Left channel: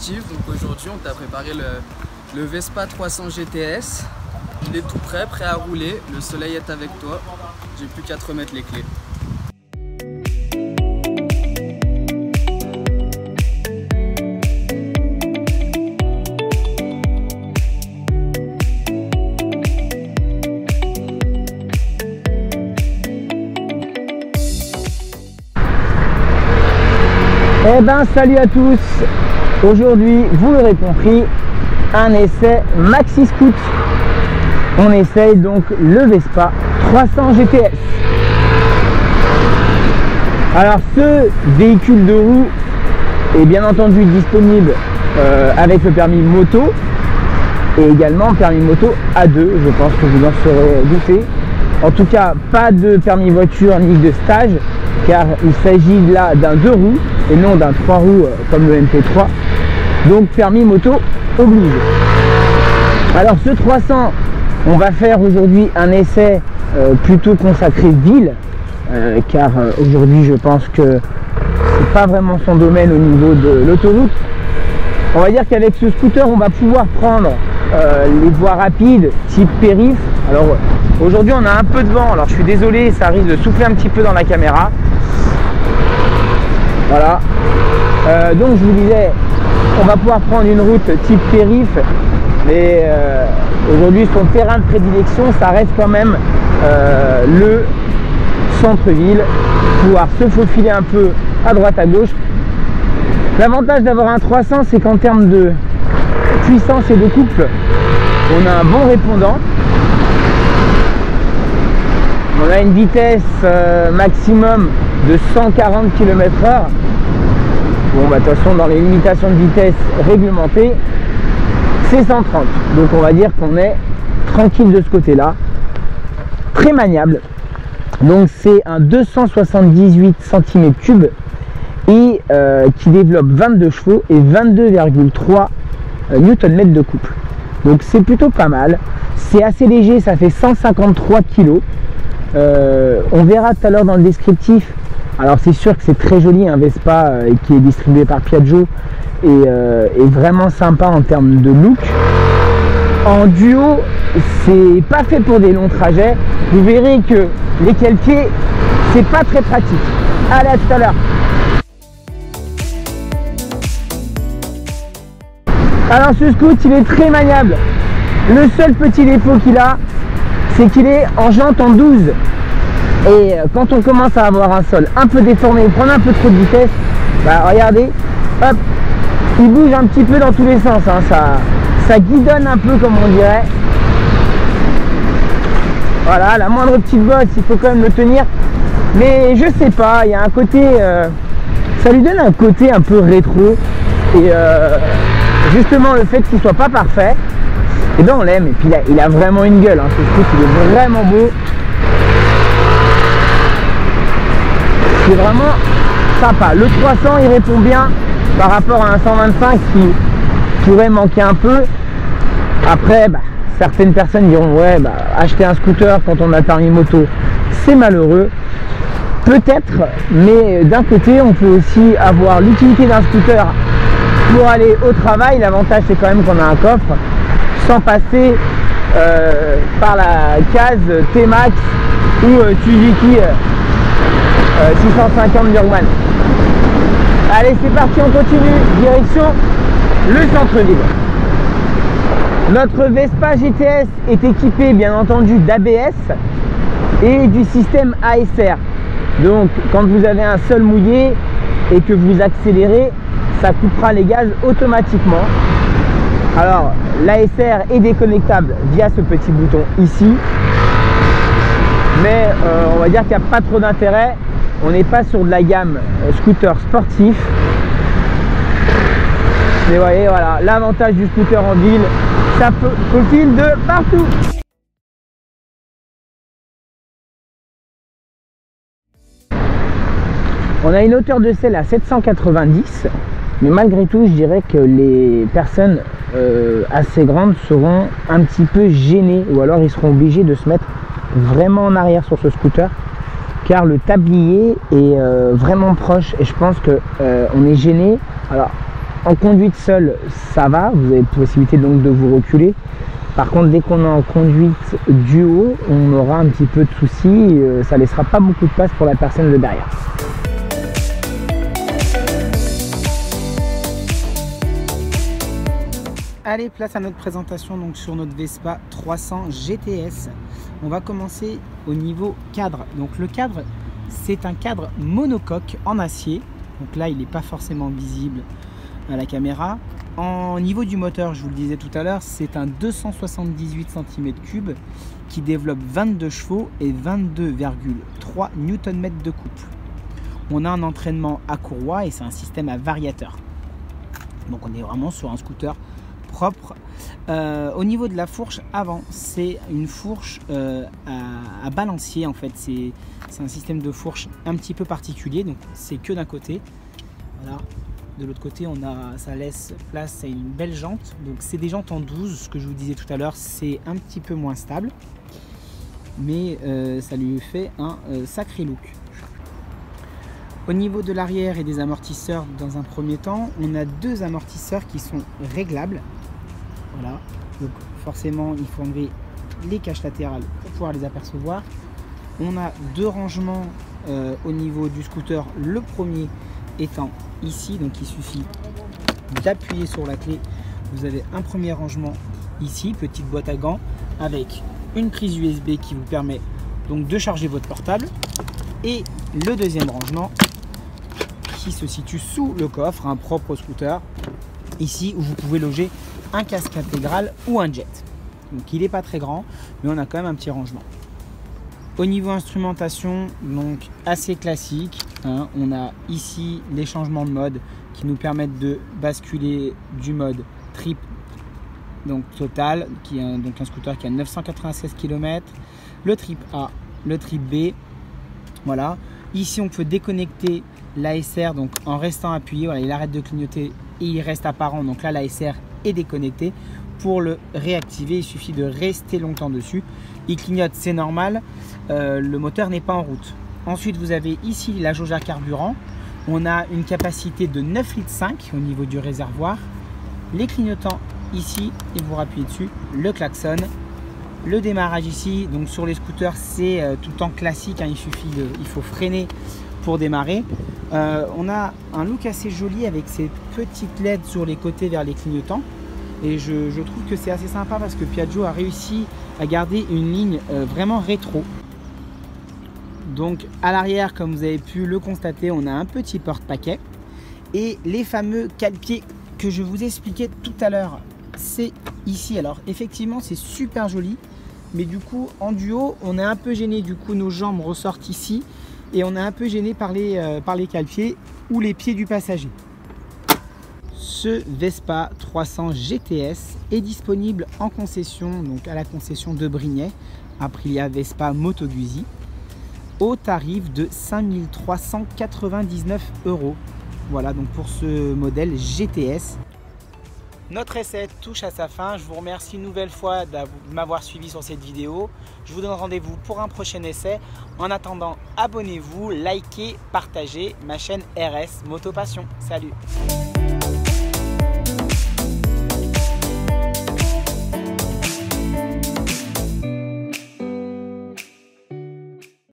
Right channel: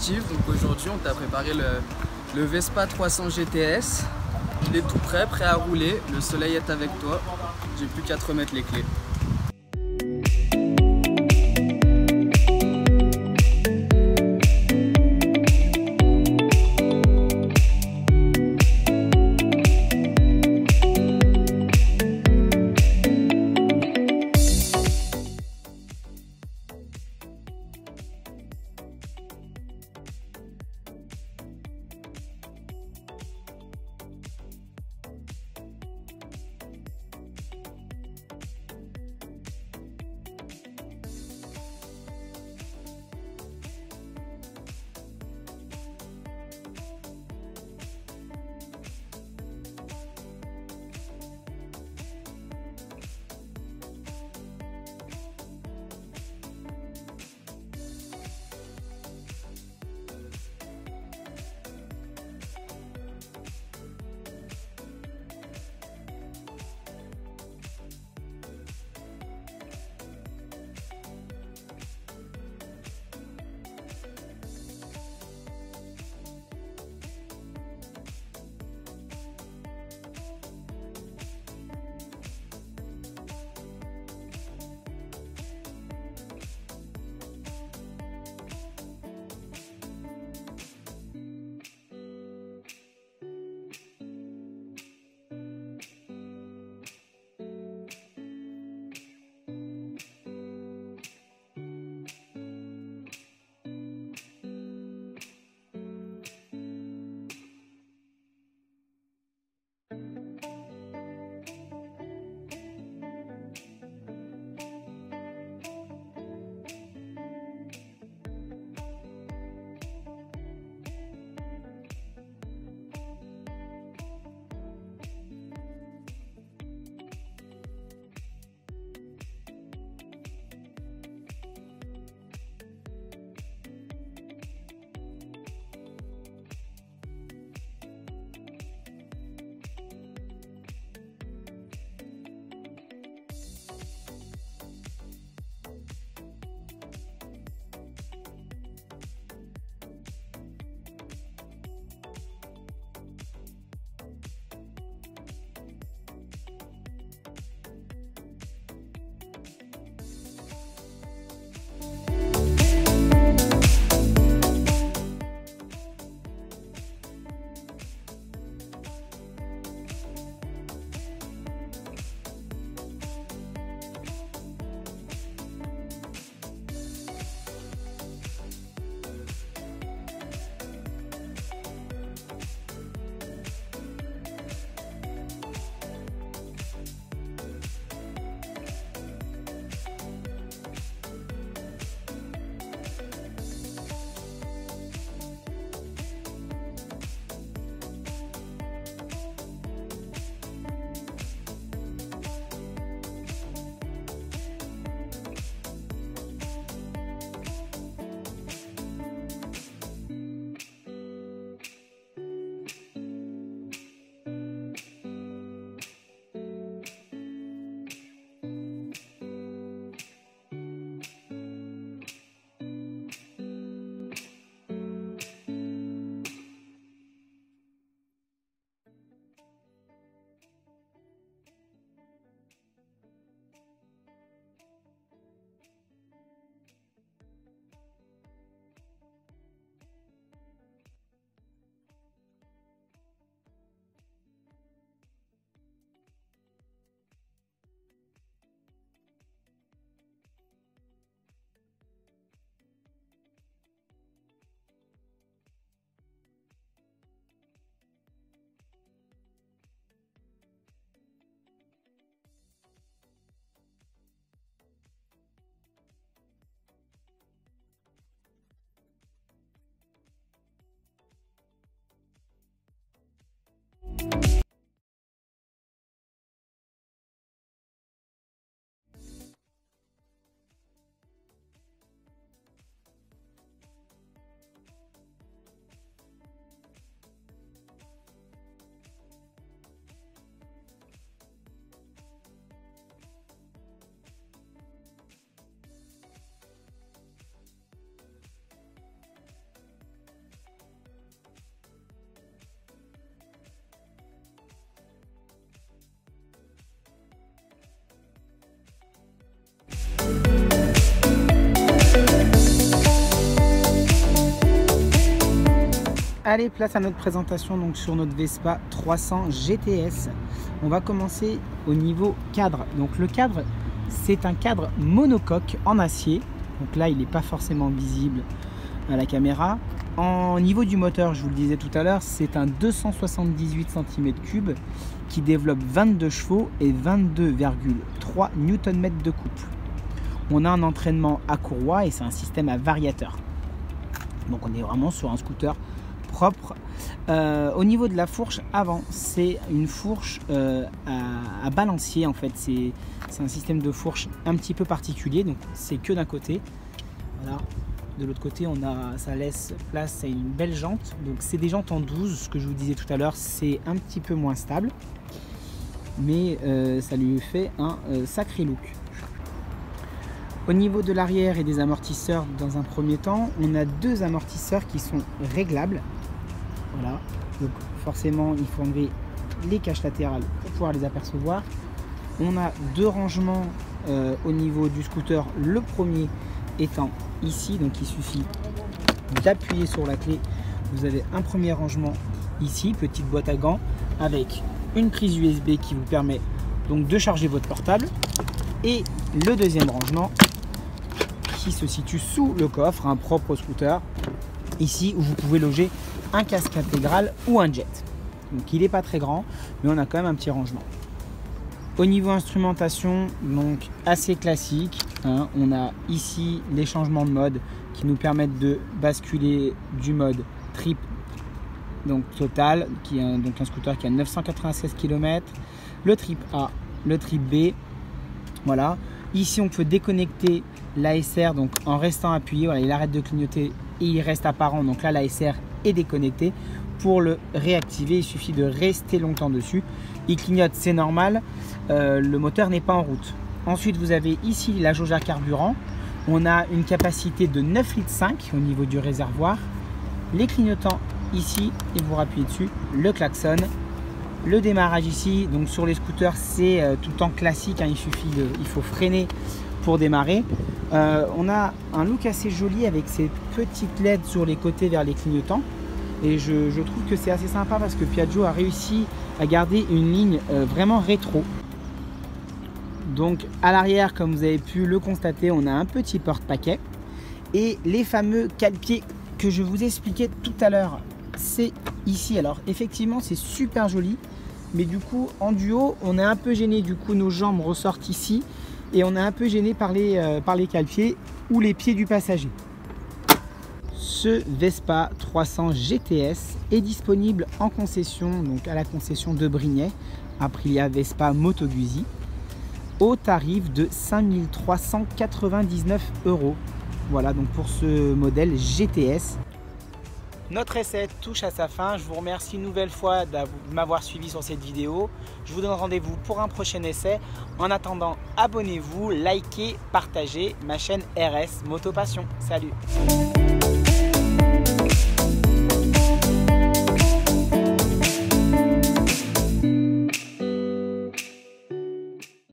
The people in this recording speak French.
Steve, donc aujourd'hui on t'a préparé le Vespa 300 GTS. Il est tout prêt, prêt à rouler, le soleil est avec toi, j'ai plus qu'à te remettre les clés. Eh ben salut à tous. Aujourd'hui, vous l'aurez compris, un essai Maxi Scoot. On essaye donc le Vespa 300 GTS. Alors ce véhicule de roue est bien entendu disponible avec le permis moto et également permis moto A2, je pense que vous en serez douté. En tout cas, pas de permis voiture ni de stage, car il s'agit là d'un 2 roues et non d'un 3 roues comme le MP3. Donc permis moto oblige. Alors ce 300, on va faire aujourd'hui un essai plutôt consacré ville, car aujourd'hui je pense que c'est pas vraiment son domaine au niveau de l'autoroute. On va dire qu'avec ce scooter, on va pouvoir prendre les voies rapides type périph'. Alors aujourd'hui on a un peu de vent, alors je suis désolé, ça risque de souffler un petit peu dans la caméra. Voilà. Donc je vous disais, on va pouvoir prendre une route type périph', mais aujourd'hui son terrain de prédilection, ça reste quand même le centre-ville, pouvoir se faufiler un peu à droite à gauche. L'avantage d'avoir un 300, c'est qu'en termes de puissance et de couple, on a un bon répondant. On a une vitesse maximum de 140 km/h. Bon, bah de toute façon, dans les limitations de vitesse réglementées, c'est 130. Donc on va dire qu'on est tranquille de ce côté-là. Très maniable. Donc c'est un 278 cm3 et qui développe 22 chevaux et 22,3 Nm de couple. Donc c'est plutôt pas mal. C'est assez léger, ça fait 153 kg. On verra tout à l'heure dans le descriptif. Alors c'est sûr que c'est très joli, un Vespa qui est distribué par Piaggio et vraiment sympa en termes de look. En duo, c'est pas fait pour des longs trajets. Vous verrez que les pieds, c'est pas très pratique. Allez, à tout à l'heure. Alors ce scoot, il est très maniable. Le seul petit défaut qu'il a, c'est qu'il est en jante en 12. Et quand on commence à avoir un sol un peu déformé, prendre un peu trop de vitesse, bah regardez, hop, il bouge un petit peu dans tous les sens, hein, ça guidonne un peu comme on dirait. Voilà, la moindre petite bosse, il faut quand même le tenir. Mais je sais pas, il y a un côté, ça lui donne un côté un peu rétro. Et justement le fait qu'il soit pas parfait, et ben on l'aime. Et puis il a vraiment une gueule, hein, ce truc, il est vraiment beau. C'est vraiment sympa. Le 300 il répond bien par rapport à un 125 qui pourrait manquer un peu. Après bah, certaines personnes diront ouais bah, acheter un scooter quand on a le permis moto c'est malheureux, peut-être, mais d'un côté on peut aussi avoir l'utilité d'un scooter pour aller au travail. L'avantage c'est quand même qu'on a un coffre sans passer par la case T-Max ou Suzuki 650 Burgman. Allez, c'est parti, on continue, direction le centre-ville. Notre Vespa GTS est équipé bien entendu d'ABS et du système ASR. Donc quand vous avez un sol mouillé et que vous accélérez, ça coupera les gaz automatiquement. Alors l'ASR est déconnectable via ce petit bouton ici, mais on va dire qu'il n'y a pas trop d'intérêt. On n'est pas sur de la gamme scooter sportif. Mais vous voyez, voilà, l'avantage du scooter en ville, ça faufile de partout. On a une hauteur de selle à 790, mais malgré tout, je dirais que les personnes assez grandes seront un petit peu gênées, ou alors ils seront obligés de se mettre vraiment en arrière sur ce scooter, car le tablier est vraiment proche et je pense que on est gêné. Alors En conduite seule, ça va, vous avez possibilité donc de vous reculer. Par contre, dès qu'on est en conduite duo, on aura un petit peu de soucis, ça ne laissera pas beaucoup de place pour la personne de derrière. Allez, place à notre présentation donc sur notre Vespa 300 GTS. On va commencer au niveau cadre. Donc le cadre, c'est un cadre monocoque en acier. Donc là, il n'est pas forcément visible à la caméra. En niveau du moteur, je vous le disais tout à l'heure, c'est un 278 cm3 qui développe 22 chevaux et 22,3 Nm de couple. On a un entraînement à courroie et c'est un système à variateur. Donc on est vraiment sur un scooter propre. Au niveau de la fourche avant, c'est une fourche à balancier en fait. C'est un système de fourche un petit peu particulier, donc c'est que d'un côté. Voilà. De l'autre côté, ça laisse place à une belle jante. Donc c'est des jantes en 12, ce que je vous disais tout à l'heure, c'est un petit peu moins stable, mais ça lui fait un sacré look. Au niveau de l'arrière et des amortisseurs, dans un premier temps, on a deux amortisseurs qui sont réglables. Voilà, donc forcément il faut enlever les caches latérales pour pouvoir les apercevoir. On a deux rangements au niveau du scooter, le premier étant ici, donc il suffit d'appuyer sur la clé. Vous avez un premier rangement ici, petite boîte à gants avec une prise USB qui vous permet donc de charger votre portable, et le deuxième rangement qui se situe sous le coffre, un propre scooter ici, où vous pouvez loger un casque intégral ou un jet. Donc il n'est pas très grand, mais on a quand même un petit rangement. Au niveau instrumentation, donc assez classique, hein, on a ici les changements de mode qui nous permettent de basculer du mode trip, donc total, qui est donc un scooter qui a 996 km, le trip A, le trip B. Voilà. Ici on peut déconnecter l'ASR, donc en restant appuyé, voilà, il arrête de clignoter et il reste apparent, donc là l'ASR est déconnecté. Pour le réactiver, il suffit de rester longtemps dessus. Il clignote, c'est normal, le moteur n'est pas en route. Ensuite, vous avez ici la jauge à carburant. On a une capacité de 9,5 litres au niveau du réservoir. Les clignotants ici, et vous appuyez dessus, le klaxon. Le démarrage ici, donc sur les scooters, c'est tout le temps classique, hein, il faut freiner pour démarrer. On a un look assez joli avec ces petites LED sur les côtés vers les clignotants. Et je trouve que c'est assez sympa parce que Piaggio a réussi à garder une ligne vraiment rétro. Donc à l'arrière, comme vous avez pu le constater, on a un petit porte-paquet. Et les fameux cale-pieds que je vous expliquais tout à l'heure, c'est ici. Alors effectivement, c'est super joli. Mais du coup, en duo, on est un peu gêné. Du coup, nos jambes ressortent ici. Et on est un peu gêné par les cale-pieds ou les pieds du passager. Ce Vespa 300 GTS est disponible en concession, donc à la concession de Brignais, Aprilia Vespa Moto Guzzi, au tarif de 5 399 €. Voilà donc pour ce modèle GTS. Notre essai touche à sa fin. Je vous remercie une nouvelle fois de m'avoir suivi sur cette vidéo. Je vous donne rendez-vous pour un prochain essai. En attendant, abonnez-vous, likez, partagez ma chaîne RS Moto Passion. Salut!